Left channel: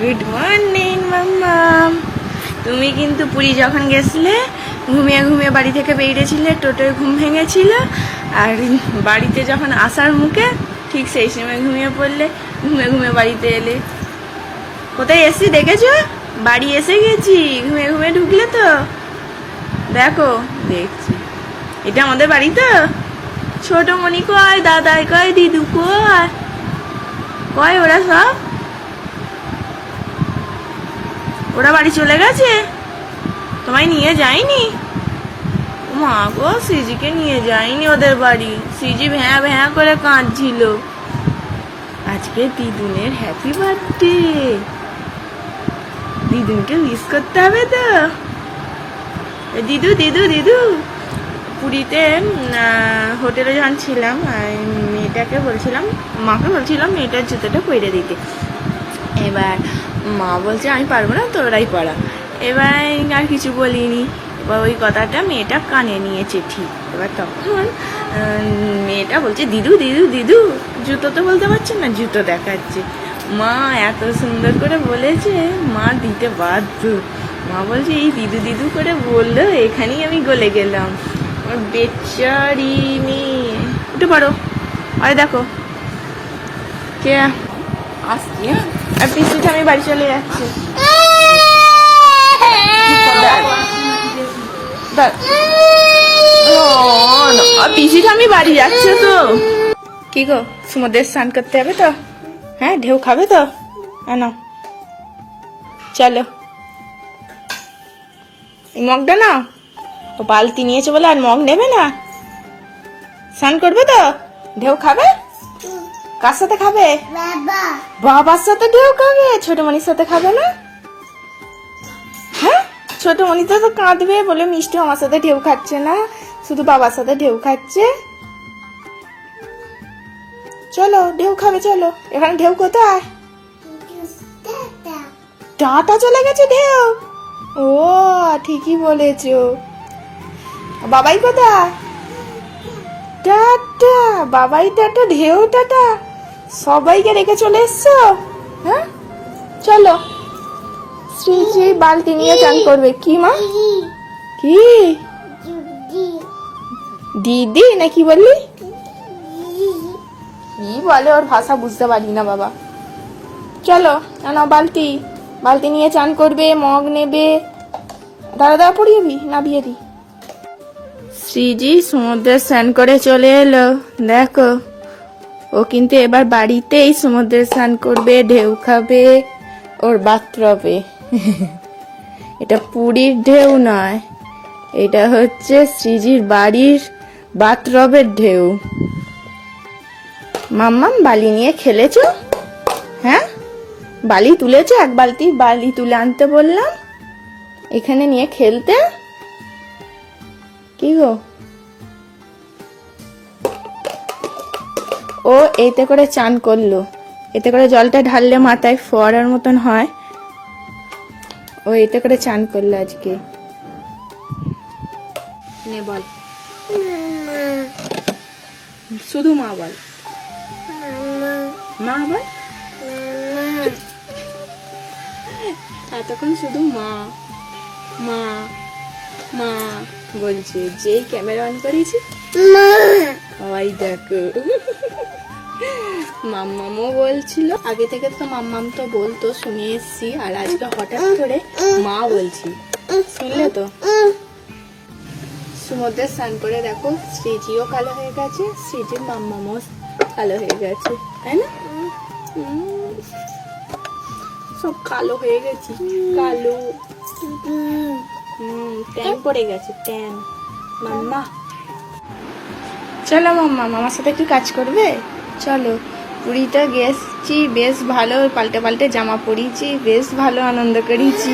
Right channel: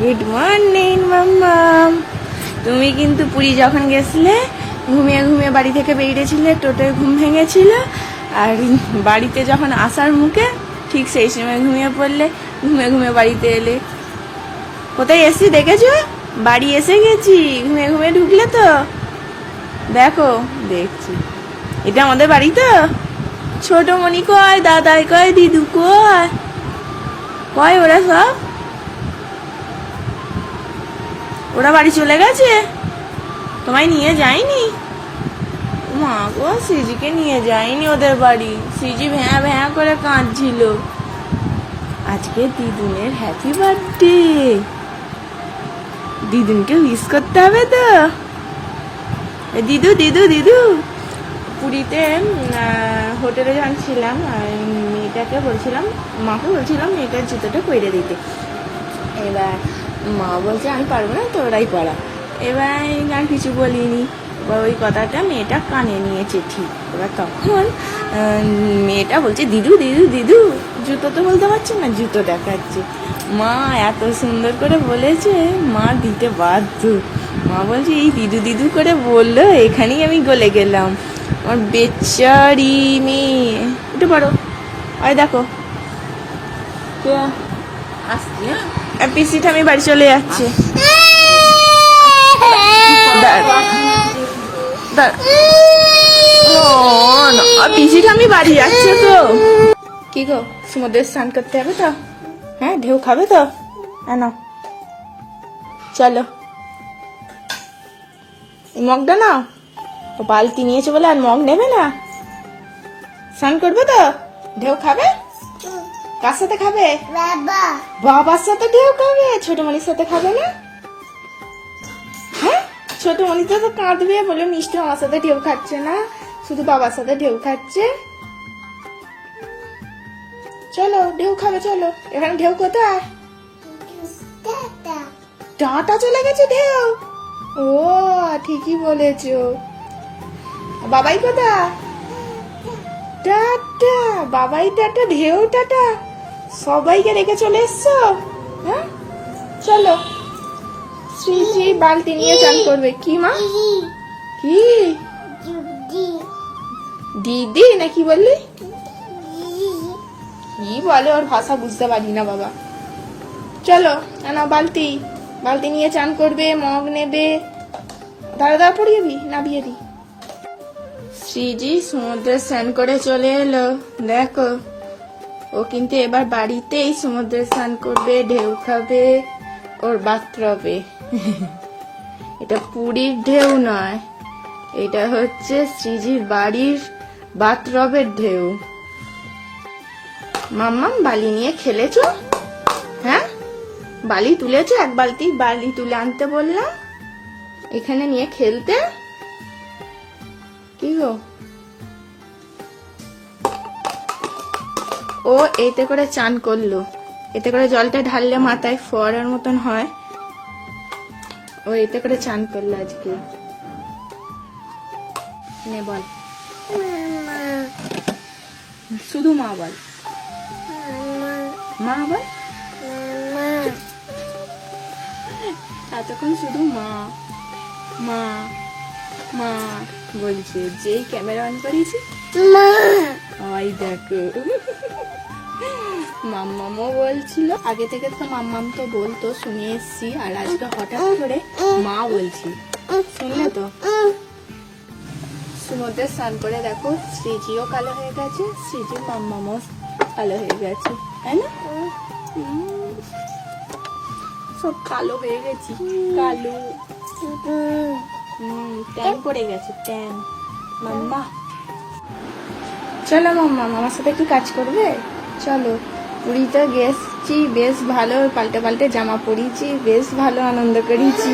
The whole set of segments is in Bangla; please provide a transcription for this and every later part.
গুড মর্নিং মাম্মাম তুমি কিন্তু পুরী যখন গেছিলে, ঘুমিয়ে ঘুমিয়ে বাড়ি থেকে বেরিয়েছিলে, টোটোয় ঘুম ভেঙেছিল, আর বাড়িতে যখন আসার মুখে ঠিক সেই সময় ঘুমিয়ে পড়লে, ঘুমিয়ে ঘুমিয়ে বাড়িতে এলে। কোথায় এসছি দেখেছ? বাড়ি এসে গেছি, ঘুমিয়ে ঘুমিয়ে ঢুকলে তো। দেখো, দেখছি। এটা আমাদের বাড়ি তো। ছোট মনি কয়, দাদাই কয়, দিদু কয়। কয় ওরা সব? ওরা বাড়ি চলে গেছে? তোমায় নিয়ে যায়নি? মা গো, সিজিকে নিয়ে যায়নি ওদের বাড়ি। সিজি ভ্যাঁ ভ্যাঁ করে কাঁদছিল। আজকে দিদুনের হ্যাপি বার্থডে দিদুনকে মিস করতে হবে তো। দিদু দিদু দিদু। পুরীতে হোটেলে যখন ছিলাম মেয়েটাকে বলছিলাম, মাকে বলছিলাম মেয়েটার জুতোটা পরে দিতে। এবার মা বলছে, আমি পারব না, তোরাই পড়া। এবার আর কিছু বলিনি। এবার ওই কথাটা মেয়েটা কানে নিয়েছে ঠিক এবার তখন মেয়েটা বলছে, দিদু দিদু দিদু, জুতো তো বলতে পারছে না, জুতো দেখাচ্ছে। মা এত সুন্দর করে বলেছে, মা, দিতে বাধ্য। মা বলছে, এই দিদু দিদু করে বলল, এখানেই আমি গলে গেলাম। আমার বেচারি মেয়ে, উঠে পারো আরে দেখো, কে? আর পিসিকে আমি বাড়ি চলে যাচ্ছি। পিসিকে আমি বাড়ি যাচ্ছি তো। কি গো সমুদ্রের স্নান করতে হবে তো? হ্যাঁ ঢেউ খাবে তো? না চলো। মগটা না ও বালতি নিয়েছে বলে আর মগ নেবে না। স্নান করবে তো? ঢেউ খাবে? কার সাথে খাবে? বাবা। বাবার সাথে ঢেউ খাবে ছোট মনির সাথে খাবে না? হ্যাঁ? ছোট মনিটা তো কাঁদবে বলে মিষ্টি আমার সাথে ঢেউ খাচ্ছে না। শুধু বাবার সাথে ঢেউ খাচ্ছে। চলো ঢেউ খাবে চলো। এখানে ঢেউ কোথায়? টাটা টাটা চলে গেছে ঢেউ। ও ঠিকই বলেছ। বাবাই কোথায়? টাটা বাবাই টাটা ঢেউ টাটা সবাইকে রেখে চলে এসছো? হ্যাঁ? চলো। শ্রী শ্রী বালতি নিয়ে চান করবে। কি, মা? কি? দিদি না কি বললি? কি বলে? ওর ভাষা বুঝতে পারি না, বাবা। চলো না বালতি। বালতি নিয়ে চান করবে, মগ নেবে। দাঁড়া দাঁড়া, পড়িয়ে না বিয়ে দি। শ্রীজি সমুদ্রে স্নান করে চলে এলো। দেখো ও কিন্তু এবার বাড়িতেই সমুদ্রে স্নান করবে, ঢেউ খাবে, ওর বাথরবে এটা পুরীর ঢেউ নয়, এটা হচ্ছে শ্রীজির বাড়ির বাথরবের ঢেউ। মাম্মাম, বালি নিয়ে খেলেছ? হ্যাঁ? বালি তুলেছো? এক বালতি বালি তুলে আনতে বললাম। এখানে নিয়ে খেলতে? কি গো? ও এতে করে চান করল। এতে করে জলটা ঢাললে মাথায় ফোয়ারার মতন হয়। ও এতে করে চান করল আজকে। নে বল। শুধু মা বল। মা বল। এতক্ষণ শুধু মা। মা। মা বলছে যেই ক্যামেরা অন করেছি মা। ওই দেখো। মাম্মামও বলছিল, আগে থেকে তো মাম্মাম তো বলতো, শুনে এসছি। আর আজকে হঠাৎ করে মা বলছি শুনলে তো? সমুদ্রে স্নান করে দেখো, শ্রীজিও কালো হয়ে গেছে, শ্রীজির মাম্মামও কালো হয়ে গেছে, তাই না? সব কালো হয়ে গেছি, কালো। হুম ট্যান পড়ে গেছে, ট্যান। মাম্মা। চলো মাম্মা, মামার সাথে কি কাজ করবে? চলো। পুরীতে গেছি বেশ ভালো, পাল্টে পাল্টে জামা পরিয়েছি, বেশ ভালো আনন্দ করেছি।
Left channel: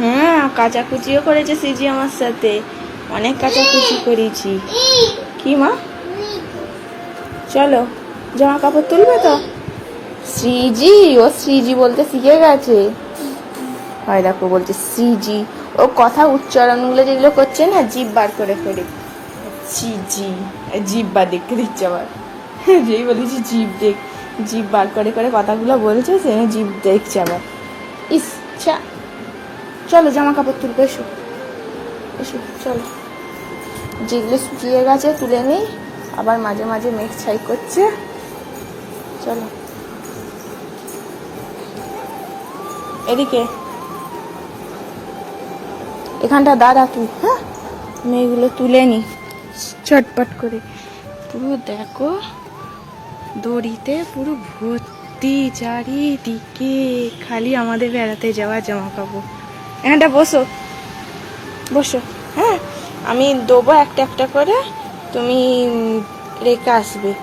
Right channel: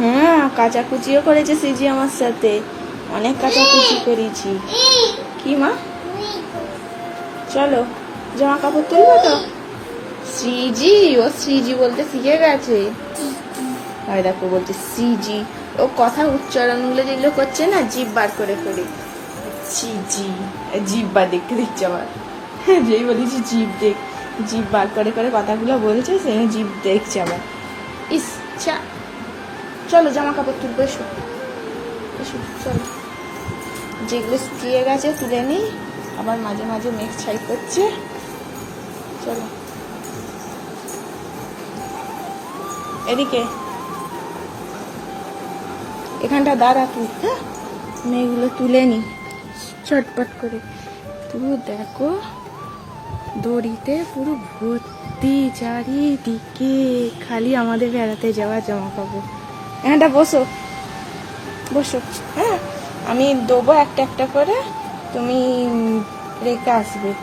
হ্যাঁ কাচাকুচিও করেছে সিজি আমার সাথে। অনেক কাচাকুচি করেছি। কি মা? চলো, জামা কাপড় তুলবে তো? শ্রীজি ও শ্রীজি বলতে শিখে গেছে। হয় দেখো, বলছে শ্রীজি ও কথা উচ্চারণগুলো যেগুলো করছে না, জিভ বার করে ফেলে। শ্রীজি জিভ বার দেখতে দিচ্ছে আবার। যেই বলেছি জিভ দেখ জিভ বার করে করে কথাগুলো বলছে, সে জিভ দেখছে আবার ইচ্ছা। চলো জামা কাপড় তুলবো এসো। এসো, চলো। যেগুলো শুকিয়ে গেছে তুলে নিই। আবার মাঝে মাঝে মেঘ ছাই করছে। চলো। এদিকে। এখানটা দাঁড়া তুই হ্যাঁ? মেয়েগুলো তুলে নি। চটপট করে। পুরো দেখো। দড়িতে পুরো ভর্তি চারিদিকে, খালি আমাদের বেড়াতে যাওয়া জামা কাপড় এখানটা বসো। বসো। হ্যাঁ আমি দেবো একটা একটা করে, তুমি রেখে আসবে।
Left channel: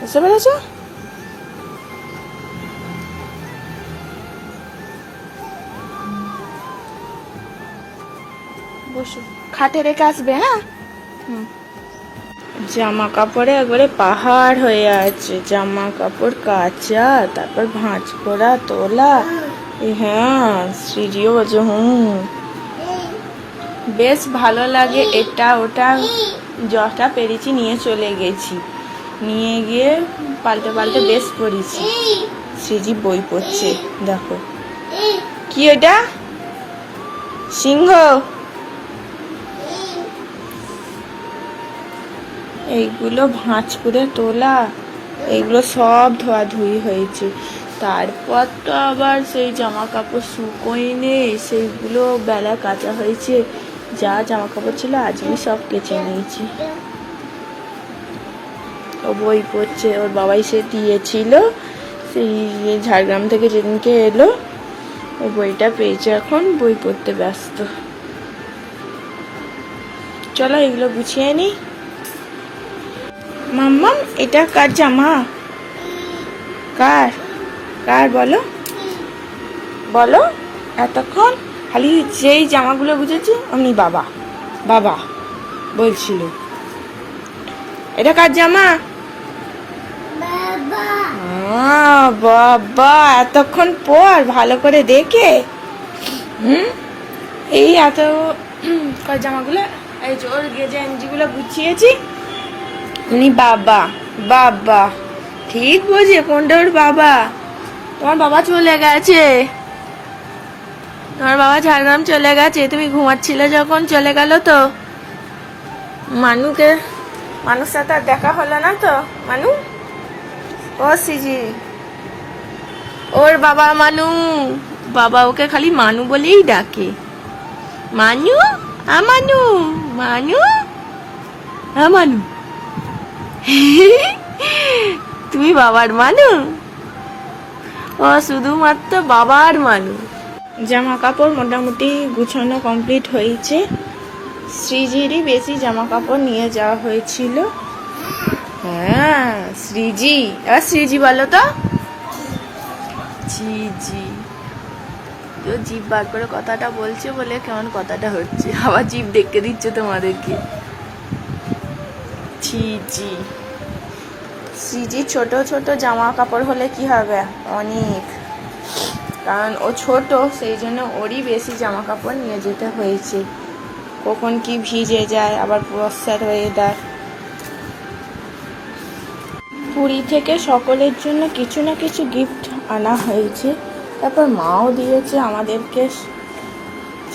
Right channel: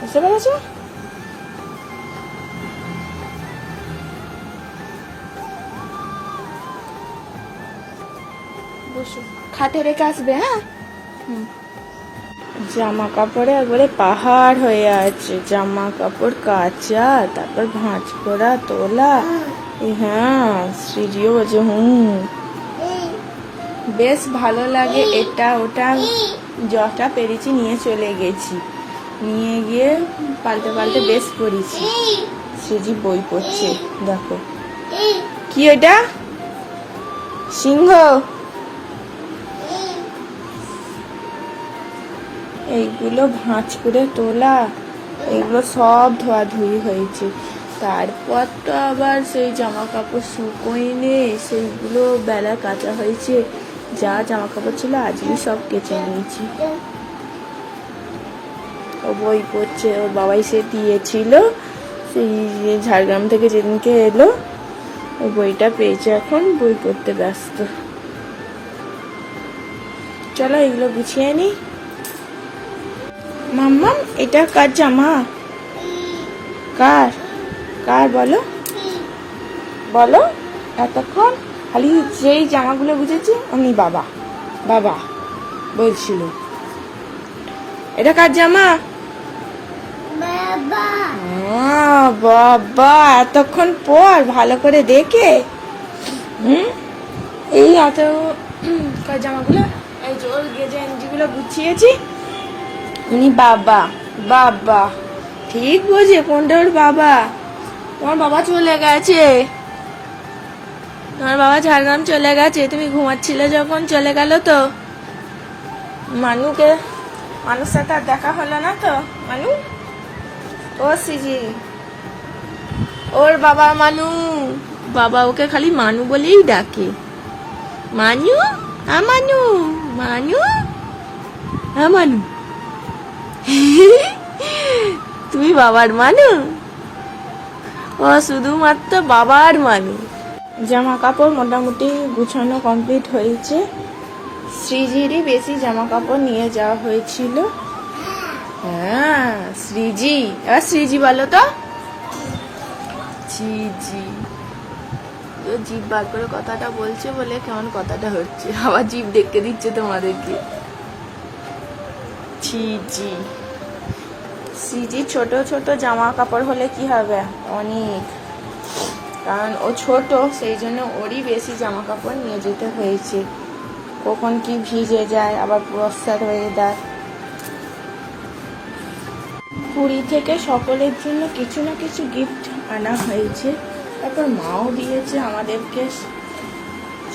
বুঝতে পেরেছ? বসো। খাটে রেখে আসবে হ্যাঁ? হুম। জামা কাপড়ে একবারে পাহাড় হয়ে আছে। জামা কাপড় কাচা, তারপর ভাঁজ করা তোলা। হ্যাঁ শ্রীজিও বলছে হুম। বেশ ভালো লাগে এটা, ওটা। যটা পেরেছি, নিয়ে চলে গেছি। নিয়ে গিয়ে পাল্টে পাল্টে বেশ পড়েছি শ্রীজি বই পড়ছে, দেখো। কি ওটা? সিংহ? এইগুলো ভাঁজ করে তোলা, এইগুলো সব ধোয়াধুয়ি হয়েছে। তারপর তো আবার সেই জামা কাপড় শুকোয়নি, সেইগুলো বেলা কাচা হয়েছে। যা জামা কাপড় ছিল আজই সব কেচে নিয়েছি। ও বই পড়ছে, ওর বাবাই সে দিয়েছিল। সেই ঝাড়গ্রাম থেকে যেদিনকে এলো, ও বইটা পেয়েছে এখন, বই পড়তে ব্যস্ত। চলো এগুলো গুছিয়ে নিই মাম্মাম এটা কার জামা? কার? কার বলো? বলো? এতক্ষণ খালি যেই জামাগুলো বুঝেছি অমনি বাবা বাবা বলছিল। এটা কার জামা? বাবা। বাবা এতক্ষণ পর ভালো করে দেখে। হুম? এই এত কয় জামাগুলো? এই যে গেজে গেঞ্জিগুলো গুছিয়েছি। উনি বাবা বাবা। ঠিক বোঝে কোনটা ওর বাবা। তোমার বাবা চলে গেছে। তোমার বাবা ঝাড়গ্রাম চলে গেছে। তুমি ঘুমাচ্ছিলে যখন, চলে গেল তো? মানুকে মানুষ সাথে আর দেখা হলো না তো? মানু? ও সিজি। ওর বাবা মানু। বাবা ওকে খালি মানু বলেই ডাকে। মানু? আমানু মানু? আমানু তুমি বাবার মানু? ও শুধুমাত্র বাবার মানু। জামা কাপড় মোটামুটি গুছানো কমপ্লিট হয়েছে। শ্রীজিরই বেশি জামা কাপড় নিয়ে যাওয়া হয়েছিল। হ্যাঁ শ্রীজি। এবার শ্রীজি বলো তো। জি জি ও জিভ বার করে কথাটা বলছে বলে কেমন কথাটা হচ্ছে? আবার জিভ দেখতে দিচ্ছে তোমাদেরকে। জি জি সিজি ছোট ছোট জামা কাপড় হলে কি হবে? অনেক। কারণ ও ছোট, সেই জন্য ওরই বেশি জামা কাপড় নিয়ে যেতে হয়েছে। কখন কি ভিজে যায়, আবার বর্ষার হয়ে দেয় পুরী থেকে সকলের জন্য কিছু না কিছু গিফট আনা হয়েছে। তারপর মাও দিয়েছে আমাদেরকে।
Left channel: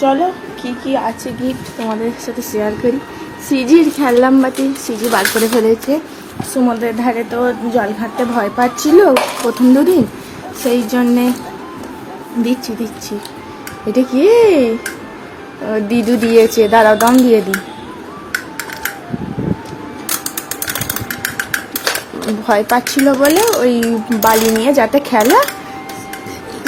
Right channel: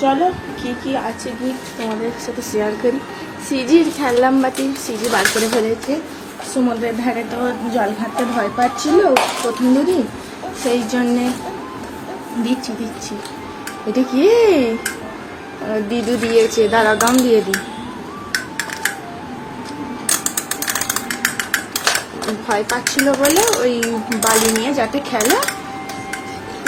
চলো, কি কি আছে গিফট তোমাদের সাথে শেয়ার করি? সিজির খেললাম বাটি সিজি বার করে ফেলেছে। সমুদ্রের ধারে তো জল ঘাটতে ভয় পাচ্ছিল প্রথম দুদিন। সেই জন্যে দিচ্ছি দিচ্ছি। এটা কি? দিদু দিয়েছে। দাদা দাম দিয়ে দিই। ভয় পাচ্ছিল বলে ওই বালি নিয়ে যাতে খেলা,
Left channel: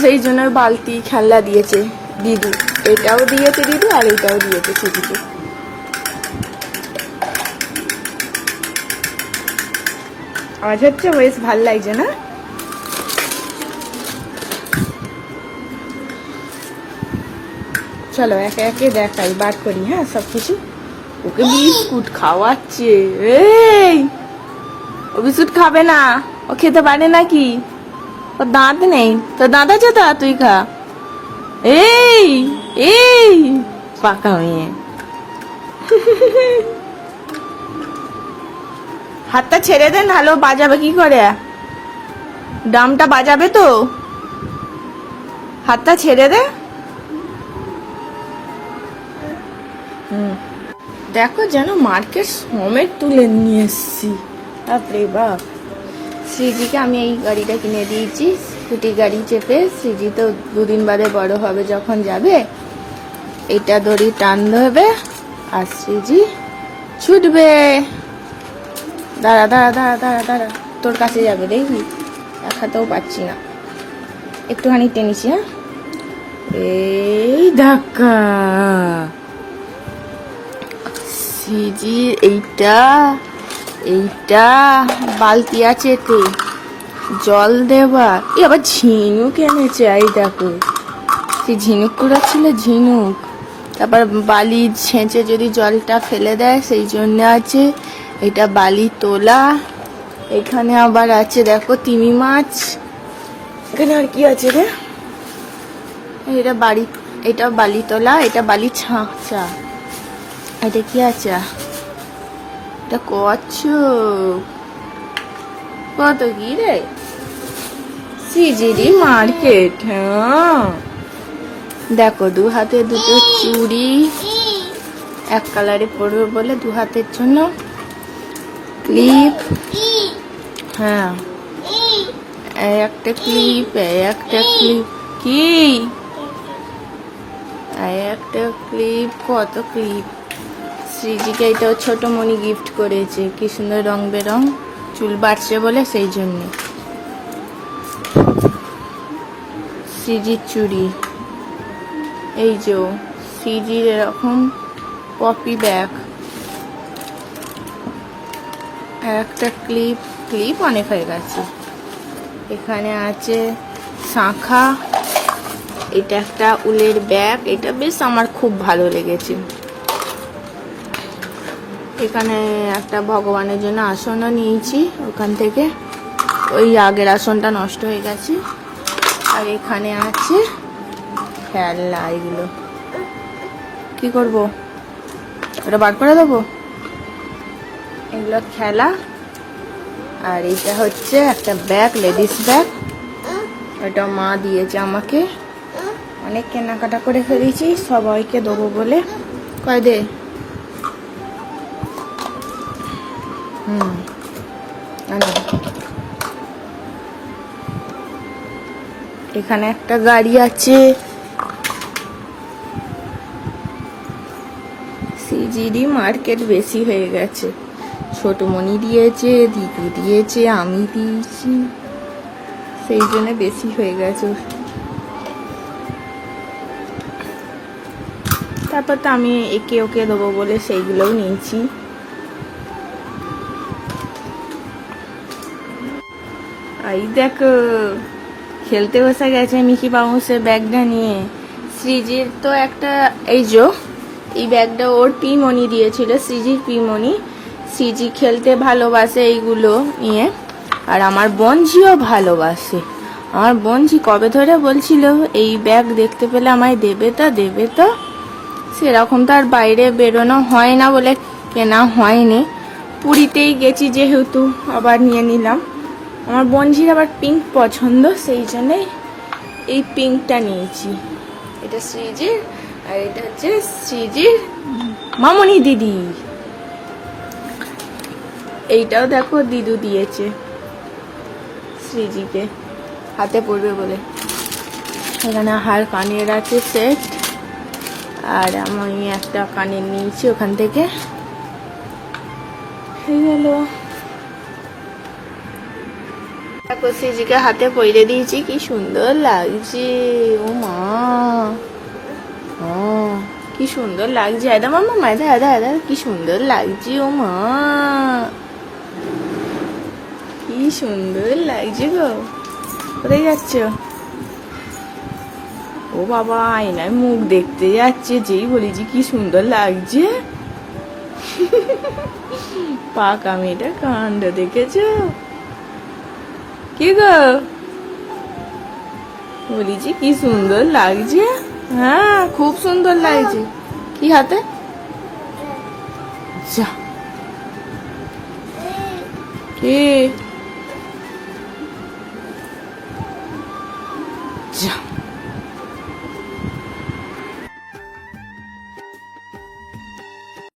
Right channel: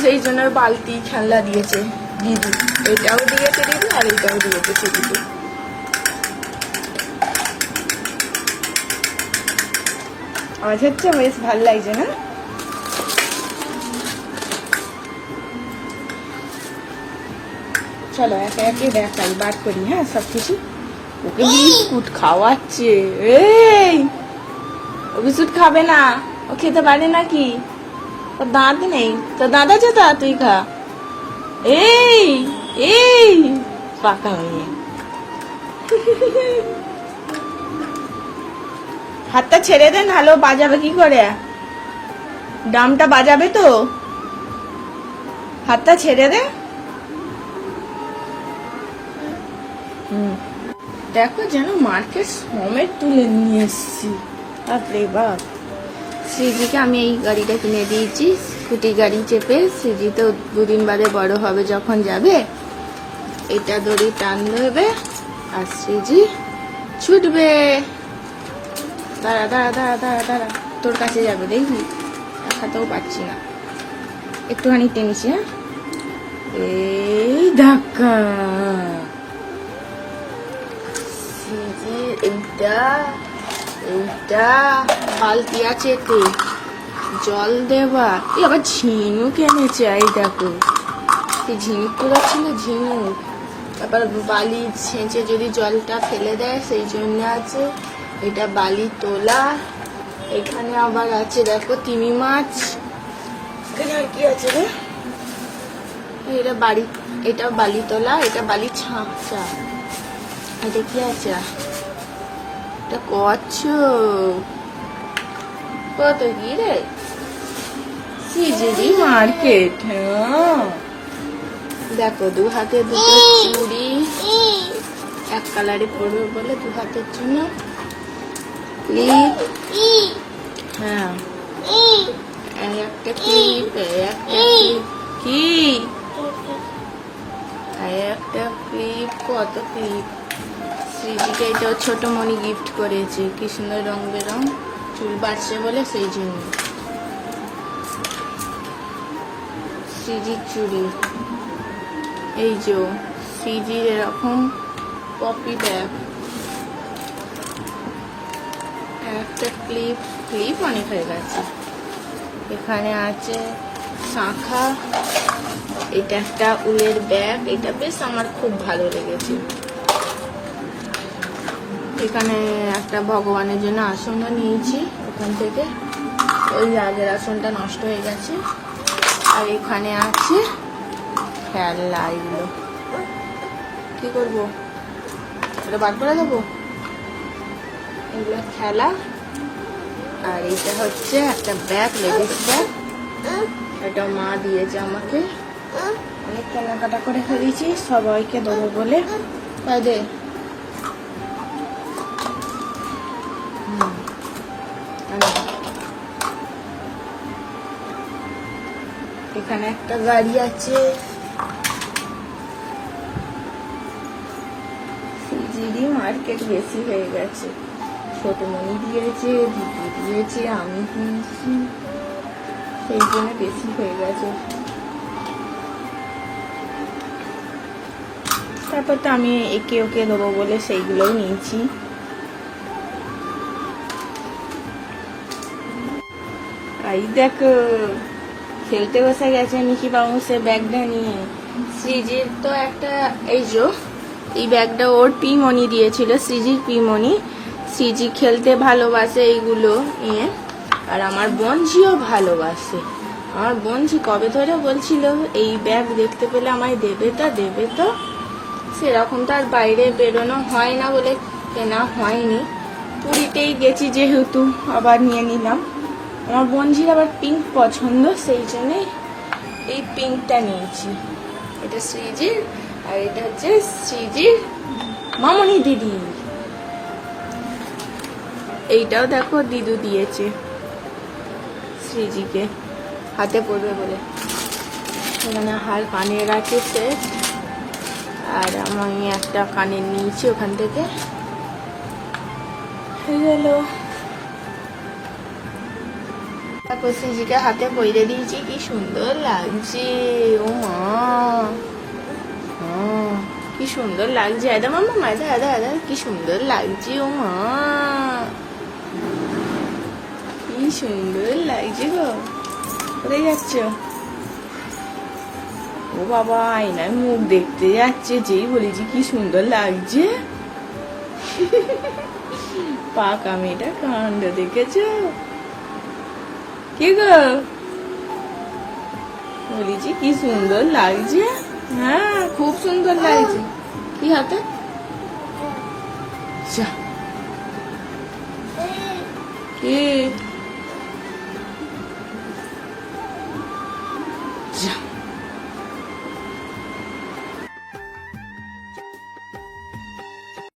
সেই জন্য বালতি খেলনা দিয়েছে দিদি। এটাও দিয়েছে দিদি আর এটাও দিয়েছে দিদি। আওয়াজ হচ্ছে বেশ ভালো লাগছে না চলো, একে একে দেখাই বার করি হ্যাঁ সব কিছু? ওকে বিস্কুট খাওয়াচ্ছে, এই! ও বিস্কুট খাবে না, ও খেতে পারে নাকি? ওর দাঁত নেই তো দাঁত আছে তো, তুই খা। এই এই, পাকা মেয়ে হাতটা ছেড়ে দেন ভালো বাজাবে কি করে? দামটা বাজাবে তো। হাতটা ছেড়ে দে। হুম। দেখো যেন মার্কেট সমেত তুলে নিয়ে এসছি। বাপরে বাপ। শ্রীজিকে আমি এই গাড়িটা কিনে দিয়েছি, স্কুটি গাড়ি চেপে। শ্রীজি তো দুদিন বাদে বড় হবে যখন যাবে। এটা দড়ি টান দেবে আর শ্রীজি ছুটবে। দাঁড়া দাঁড়া দাঁড়া দাঁড়া দাঁড়া। তোর কাছে যাবে, দেখবি? একসাথেও পাচ্ছি না। একটুখানি টেনেছি হ্যাঁ? এই ধাক্কা। সিজি, এইটা এইটা, বালতি আছে তো। জল দেবা। এ আবার ঝিনুক এনেছে এই দেখো। সেই ঝিনুক করে ছিল ঝিনুক। তারপর বালি ছেঁচে যদি জলটা ফেলে দেয়, সেই জন্য আছে এটা বালি তোলা এখানে আবার আছে, দেখো, তিমি মাছ। এখানে আর কি আছে রে? এটা বাড়ি, এটা বালি তোলা এটা বালি ছাঁকচা। এটা কি আছে? এটা কচ্ছ কত কি রে? সিজিডি মার্কেট হ্যাঁ। দেখো, দু হাতে দুটো চুড়ি। এক কালারে পরবে বলে দু হাতের জন্য। ক্লিপ হ্যাঁ। এই একটা ক্লিপ এই একটা ক্লিপ কি? এই একটা ক্লিপ কত ক্লিপ শ্রীজিকে এটা ছোট মনি গিফট করেছে। কি সুন্দর রং বেরং। চুল বাড়ছে বলে সেই জন্য। শ্রীজির চুড়ি। এই যে শ্রীজির এরকম পপি ব্যাগ একটা ক্লিপ ক্লিপ অনেক হয়ে গেছে। এখানে আছে শাঁখা, এটা একটা উলের ব্যাগ এটা বেশ আমার খুব ভালো লেগেছে। এখানে একটা ভগবানের জন্য আসনও নিয়েছি ওখান থেকে। ওই আগের আসনটা নষ্ট হয়ে গেছে। আর এখানে আছে খেলনা এগুলো। কি করব? এটা বার করে দেবো? এগুলো খেলা। আর এটা হচ্ছে একটা ব্যাগ লেডিস ব্যাগ এটা মা দিয়েছে আমাকে। অনেক কেনাকাটা করে ফেলেছি, সবাইকে দেবো বলে। কয় হুম এখানে একটা গাড়ি আছে। সিজিডি মার্কেট বেশি হয়ে গেছে। ছোট মনি দিয়েছে, দিদি দিয়েছে, আমি দিয়েছি। সেই জন্য বেশি হয়ে গেছে। তারপর তো আমি একে ওকে দেবো বলে সেইগুলোই নিয়েছি। দেখো, খেলতে বসে গেছে মিকি বাউন্সের ব্যাগটা নিয়ে। সৃজির তো একটা, এই যো, এই ব্যাগটা ওর পিমনি দিয়েছিল, সৃজির পিমনি। সৃজি খেলতে ভালোবাসে এইগুলো নিয়ে। আর আমার বঞ্জিও ভালোবাসে। আমার বঞ্জি কবে ধরে বলছিল, এই ব্যাগ দেখতে পেলে আমায় দেবে তো দেবে তো। সেরকম তো আর বাইরে বেরোনো হয় না বলে কেনা হয়নি। পুরীতেই গেছি যেহেতু, আবার নিয়ে নিলাম। আমার বঞ্জির আবার পিঙ্ক পছন্দ, সেই জন্যে এই পিঙ্কটা নিয়েছি। এটা শ্রীজির আর এটা হচ্ছে শ্রীজির মামনি দিদি। এইটাও দেখো দিদু দিয়েছে শ্রীজিকে। হাতে পড়বে বলে। এখানে হার কানের আছে সেট আর আমি একটা কানের নিয়েছি ওখান থেকে। হয়ে গেল। তারপর সিজিকে হাতে পইরে দিয়েছি, কি সুন্দর লাগছে। ও মা। ও কি সুন্দর লাগছে। এদা মামা মাদা এদা এদা কি সুন্দর লাগছে। ও মা। কি সুন্দর লাগছে গো। কোথায় যাচ্ছ? ও বাবা আয়নায় মুখ দেখতে যাচ্ছে যেই বলেছি কি সুন্দর লাগছে। পাকা মেয়েটা কাণ্ড দেখেছ? কি গো? বলেছি কি সুন্দর লাগছে। হ্যাঁ খুব সুন্দর লাগছে। কি হাতে? যা। কি?